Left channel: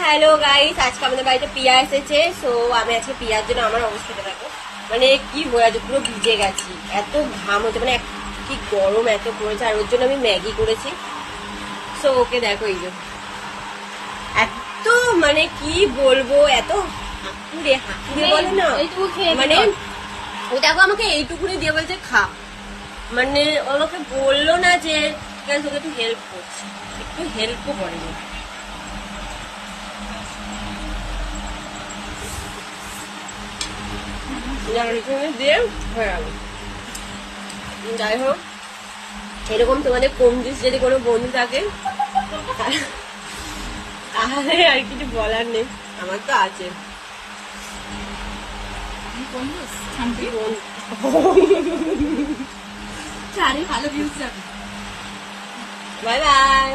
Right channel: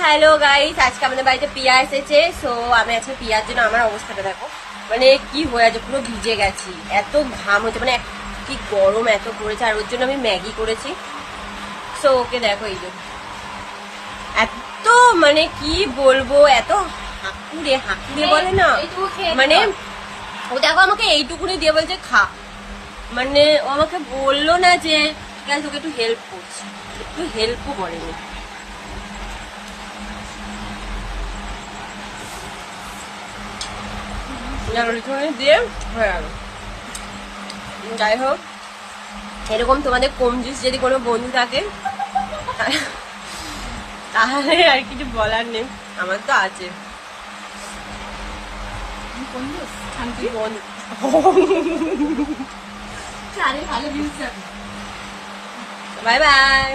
Hello guys, আজকে আমাদের বাড়িতে পিয়া এসেছে। সো আমি আজকে পিয়ার জন্য আমার অবস্থাটা দেখো, মানে কি হয়ে আছে, পুরো ভিজে গেছি, এত ঘাম হচ্ছে, মানে কি গরম এত পড়েছে। আর ওর জন্য আমি ম্যাগি করেছি। সো ওকে দেখো, এই যে এত, মানে কি বলবো, এত হাঁকুড়ে বলে না, মানে ও দেখো আমাকে এইটুকুনি দিয়ে বলছে খা, মানে ও আমাকে বললো না যে তোকে একটু হেল্প করছি, একটু হেল্পও করেনি। দিয়ে হয়ে গেল। যাই হোক, এরকম তোমাদের কমজিস যদি কোনো বন্ধু থাকে তাহলে আর কিছু বলার নেই, আমার তো আছে। Bye bye.